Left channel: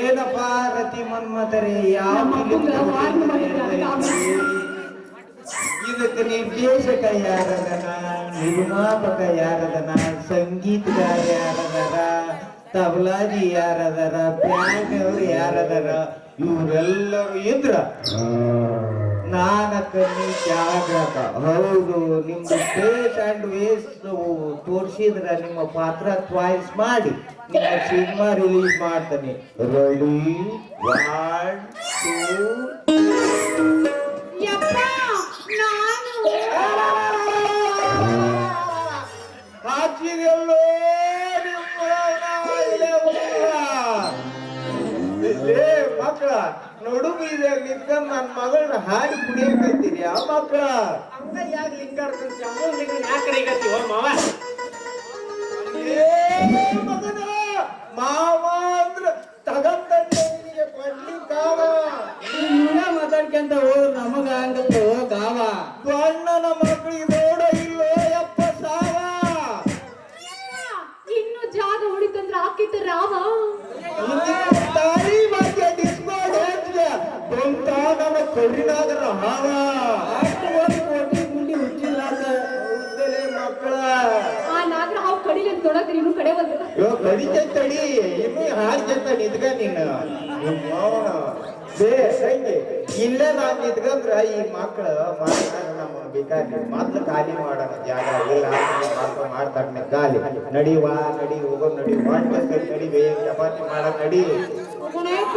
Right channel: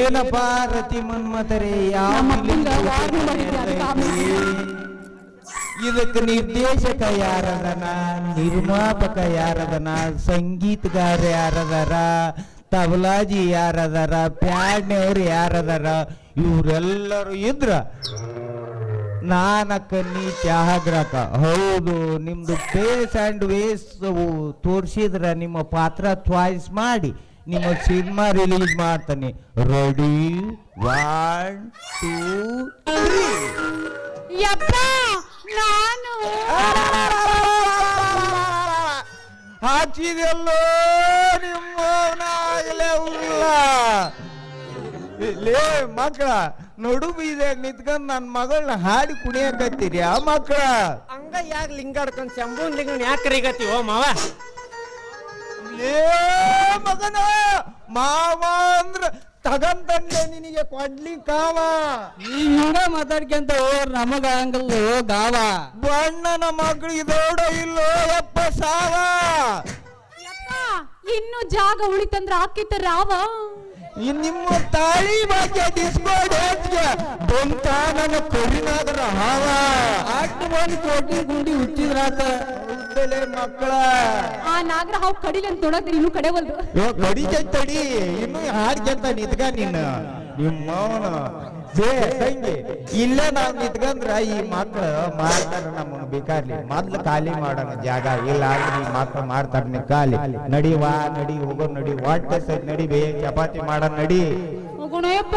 ಏನಪ್ಪ ರತಿ ಮನ್ಮತರೇ ಇದಕ್ಕೆ ನಿರ್ದೇಶಕ ಯಾರದನ, ನಿರ್ಮಾಪಕ ಯಾರದನ, ಸಂಗೀತಗಾರ ಯಾರದಾರ, ತಬಲಾಜಿ ಯಾರದಾರ, ಬ್ಯಾಂಡ್ನವ್ರು ಯಾರದಾರ, ಇವರೆಲ್ಲರೂ ಇದ್ರ ನಾನಕ್ಕ ನೀ ತ್ಯಾಗ್ರಕ. ಹೌದು, ನಿಮ್ದು ಫೇಸ್ ಅಂಡ್ ವೇಸ್ ತೋರಿಸಿದ್ರ ನಿಮ್ಮ ಪಾತ್ರ ಚಾಯ್ಸ್ ಮಾಡಿ ನಿಮ್ಮ ಸಿನಿಮಾ ರಿಲೀಸ್ ಮಾಡ್ತಾನೆ. ರೆಡಿ 1 2 ಹಾಚಿದೆಲ್ಲೋ ಮಕ್ಕಳ ನಡು ಬೀದ್ರೆ ನಿಂತ್ಕೊಂಡ್ ನನ್ ಮಗಳನ್ನ ಹಾರಿ ಕುಡಿಯಕತ್ತೀರಿ ಆ ಮಕ್ಕಳ ಹಂಗ ಯಾಕೆ ಲಿಂಗಾಡ್ಕೊಂಡ್ ಶಂಭುನ್ ಲಿಂಗ ಯಾಕೆ ಕರಿಗತ್ತೀವೋ ಮಾವ? ಮಗನ ಮಾವ ಅಂದ್ರ ತಗಂತಂದೆ ನಿನಗೆ ಕೊಡ್ಲಿಕ್ಕಾವ. ನೀನ ಮಾತಾಡ್ಕೊಂತ ನಮಗ ಹಂಗಲ್ಲೋ ಗಾವ. ಬಣ್ಣನ ಮಕ್ಕಳಿಗೆ ದೊಡ್ಡ ಇಲ್ಲೋ ಅಪ್ಪ ಸಾವ. ಇನ್ನು ಜಾಗ ಉಳಿತಂದ್ರ ಹಾಕಿತ್ತ ರಾವ. ನಿಮ್ಮ ತಾಯಿ ಬಗ್ಗೆ ಡಿಸ್ಪಾರ್ಟ್ ಬಂತ ನನ್ನ ಕೊಡಿದಾದ್ರ ಹಾವ. ಅಷ್ಟು ಒಂದು ಕೊಟ್ಟಿ ಗುಂಡಿ ಹುಚ್ಚಿದ್ರಾತ ಮಕ್ಕಳ ಆ ನಾಗರ ಹಾವು ಕಡಿಗೆ ತೊಡಕ ಇನ್ನು ಕಡೆ ಒಂದು ಕಡಿಜಂತಡಿ ಇನ್ನು ಹಾಗೆಂತ ನಿಂತ್ಕ ನೀನು ನಿಮ್ಮ ಸಂಖ್ಯೆ ಇಲ್ಲೇ ನಾವ್ ನಿಂತ್ಕಂದ್ರ ಈ ಮಕ್ಳು ಮಾಡ್ತಾರ ನಮ್ಮನ್ನ ಬೇಕಾಗಿ ಮೊದ್ಲು ಖಾಲಿ ಮಾಡೋಣ ಜಾಗ ಇಲ್ಲ ಮಕ್ಳು ಮಾಡ್ತಾರ ಖಾಲಿ. ನಡಿವಾ ನಡಿ ಹೋಗೋ ನಡಿ ಹೊಟ್ಟೆ ಸೈಡ್ ನಡಿ ಬೇ ಚಪಾತಿ ಮಾಡ ನಡಿ ಹೋಗೋಣಪ್ಪ.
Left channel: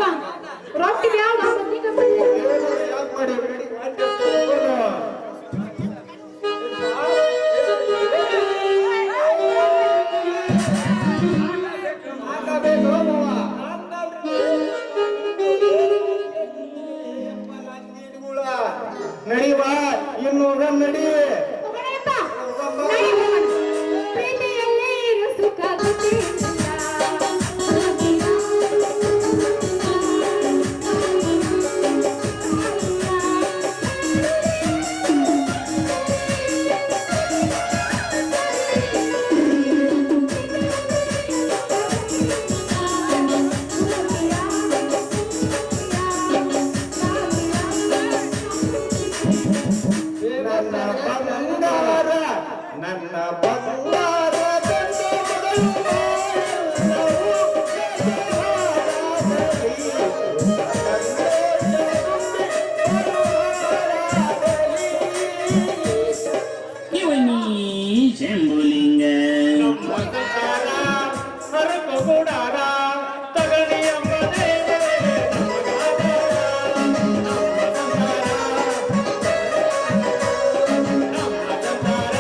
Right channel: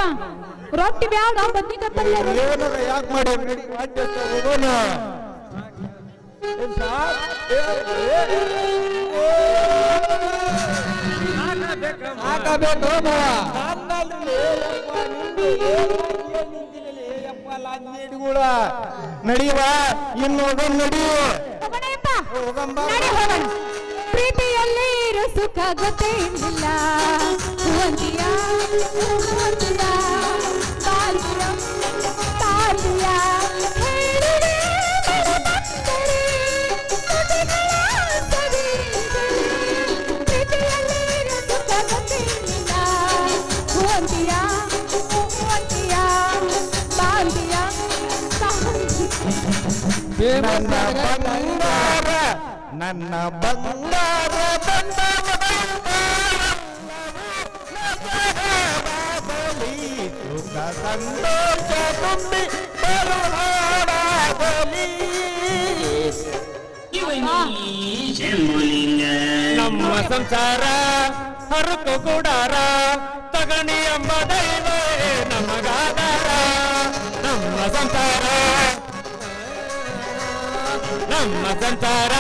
ರೊಟ್ಟಿ ಬ್ಯಾಡ ಬಕ್ಕಿ ಕಟ್ಟಲ್ಲ ಯಾಕೆ ಮಾಡಿ ನಡಿ ಹೊಟ್ಟೆ ಹೋಗೋಣ. ನಡಿವಾ ಇನ್ನು ನಡಿ ಪ್ರೀತಿಯಲ್ಲಿ ಸುಖ ಗೊತ್ತಿಲ್ಲ. ನನ್ನ ಬಂಗಾರ ನಮ್ಮ ಸಂಸಾರ ಹರಕು ಕೂಡಾರ ತಗಣಿ ಎಂಬ ನಮಗಾದಾರ. ನಮ್ಮ ಸಂಸಾರ ನಮ್ಮ ಸಂಸಾರ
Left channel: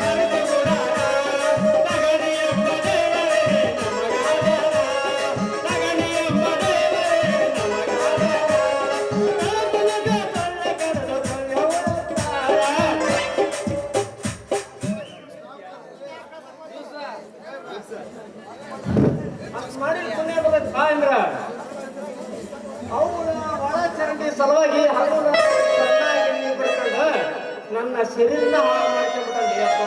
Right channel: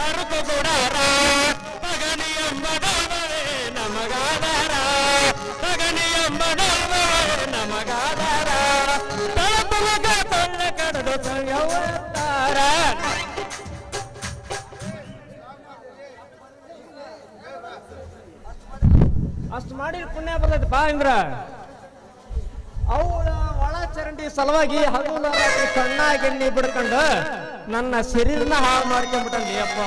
ಹರಕು ಕೂಡಾರ ತಗಣಿ ಎಂಬ ನಮಗಾದಾರ. ತಗಣಿ ಎಂಬ ನಮಗಾದಾರ. ಸಲುವಾಗಿ ಸಣ್ಣಾಗಿ ಬಿಡ್ಕೊಂಡು ನನ್ನ ಶರೀರನ ಹಾಳು ಮಾಡ್ಕೊಂಡ್ಬಿಟ್ಟಲ್ಲಿ ಅಪ್ಪ.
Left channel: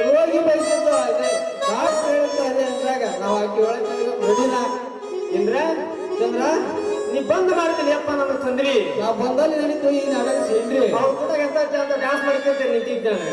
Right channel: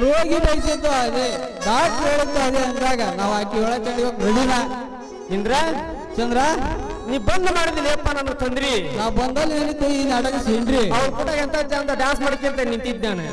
ರೋಗಿ ಬಯಸಿದ್ದು ಅದೇ ಡಾಕ್ಟರ್ ಹೇಳುತ್ತೆ ಅದೇ ಅಂದಾಗ ನಾವು ಆಕಿ ಒಳಗೆ ಬಿಡಿಲ್ಲ. ಇಂದ್ರ ಚಂದ್ರ ನೀ ಬಂದ್ ಮಾಡಿದ್ರಿ ಅಪ್ಪ ನಮ್ಮ ತಂದ್ರಿ. ನಾ ಬಂದಲ್ಲಿ ಏನಿತ್ತು ಈ ನಾಟಕ ಸೇನ್ರಿ ಅವ್ರು ಕೂಡ ಎಂತ ಚಂದ ಡ್ಯಾನ್ಸ್ ಮಾಡ್ಕೊಂತ ನಿಂತಿದ್ದಾನೆ.